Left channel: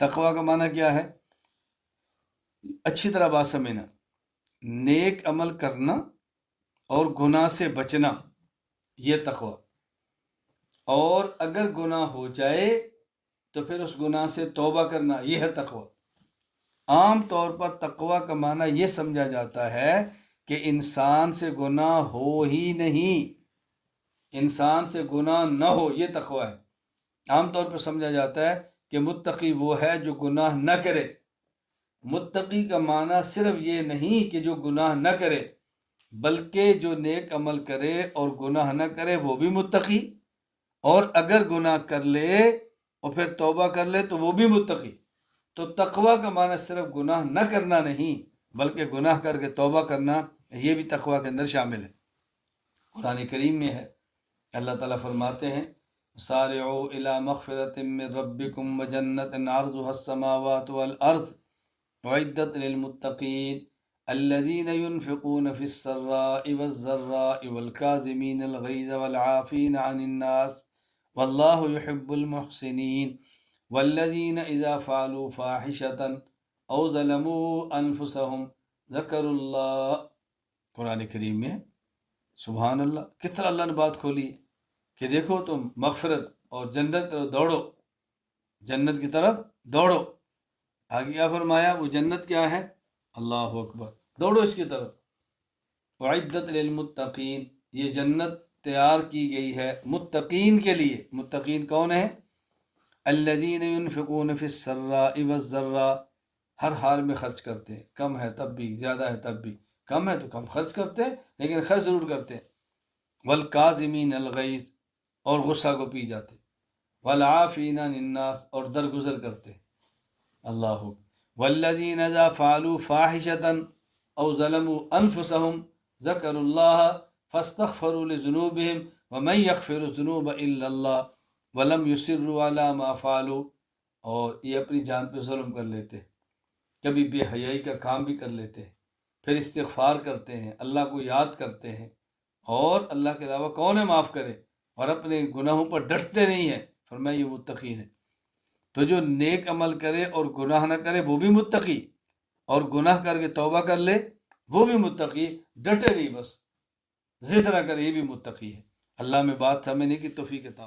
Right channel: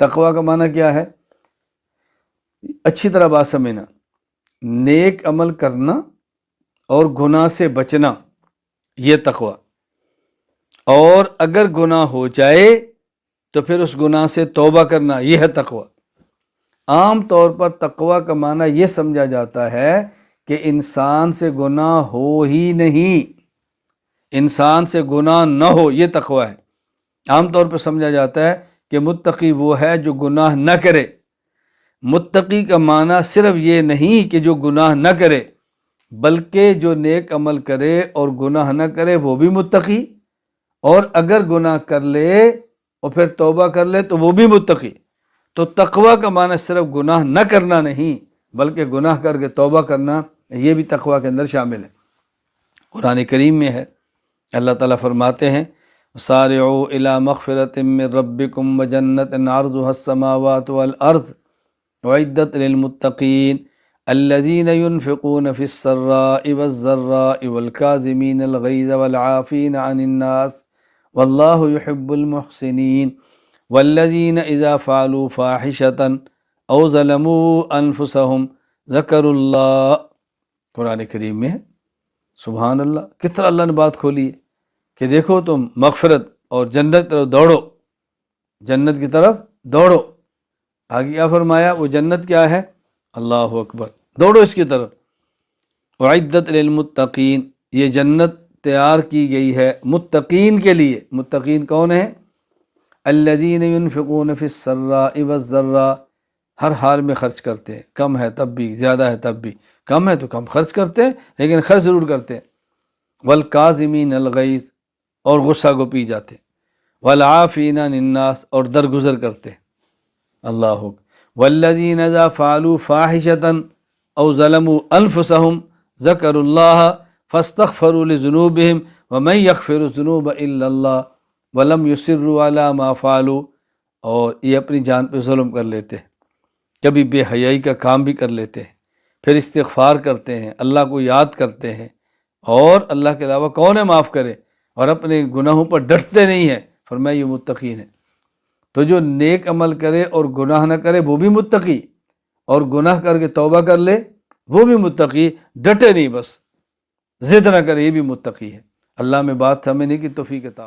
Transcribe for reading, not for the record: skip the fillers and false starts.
تقوی کا معنی کیا ہے؟ اچھی طرح بات سمجھنا، نیک عمل کرنا اور گناہ سے بچنا، یہ تقوی۔ اور اگر گناہ ہو جائے تو پھر اس گناہ سے توبہ کرنا، یہ ہے تقوی۔ عام طور پر تقوی کا معنی یہ سمجھا جاتا ہے کہ انسان سے گناہ ہو ہی نہیں، انسان سے گناہ نہ ہو، یہ تقوی ہے۔ عام طور پر سمجھا جاتا ہے کہ متقی وہ ہے جو گناہ نہ کرے۔ متقی کا معنی صرف یہ نہیں کہ جو گناہ نہ کرے، بلکہ جو نیک عمل کرے اور گناہ نہ کرے وہ بھی متقی، اور اگر گناہ کر لے اور پھر توبہ کر لے تو وہ بھی متقی۔ تو تقوی کا معنی صرف گناہ نہ کرنا نہیں، بلکہ گناہ کر کے توبہ کرنا، یہ بھی تقوی کے اندر شامل ہے۔ قرآن کریم میں ہے، اللہ تعالیٰ فرماتے ہیں سارعوا الی مغفرۃ من ربکم وجنۃ عرضها السماوات والارض اعدت للمتقین الذین ينفقون فی السراء والضراء والکاظمین الغیظ والعافین عن الناس واللہ یحب المحسنین والذین اذا فعلوا فاحشۃ او ظلموا انفسهم ذکروا اللہ۔ قرآن کریم میں ہے، سبحان اللہ، کس طرح اللہ نے بات کھولی ہے کہ دیکھو تم مغفرت اور جنت کی طرف دوڑو، جنت کی طرف دوڑو۔ آگے کیا فرمایا؟ وہ جنت کیا ہے؟ اللہ اکبر، دوڑو اس کی طرف۔ اعدت للمتقین، یہ جنت تیار کی گئی ہے متقین کے لیے۔ متقین کون ہیں؟ الذین ينفقون فی السراء والضراء، ہر حال میں خرچ کرتے ہیں، کم ہے تب بھی، زیادہ ہے تب بھی، کم ہے تو کم خرچ کرتے ہیں لیکن خرچ ضرور کرتے ہیں۔ والکاظمین الغیظ، اور غصہ کو پی جاتے ہیں۔ والعافین عن الناس، اور درگزر کرتے ہیں۔ اللہ اکبر۔ والذین اذا فعلوا فاحشۃ او ظلموا انفسهم ذکروا اللہ فاستغفروا لذنوبهم ومن یغفر الذنوب الا اللہ ولم یصروا علی ما فعلوا، اور یہ اپنی جان پہ ظلم کر لیتے ہیں، کبھی بے حیائی کا کام بھی کر لیتے ہیں، پھر استغفار کرتے ہیں، اللہ کو یاد کرتے ہیں، اور اللہ کے علاوہ کون ہے معاف کرے، اور اپنے گناہوں پر ڈٹتے نہیں ہیں، فرمایا یہ متقین ہیں۔ تو جو نیک عمل کرے اور گناہ نہ کرے وہ بھی متقی، اور گناہ کر کے توبہ کر لے وہ بھی متقی، ڈٹے نہیں بس ضد نہ کرے، یہ بھی متقی ہے۔ اللہ میں بات سمجھنے کی توفیق عطا فرمائے۔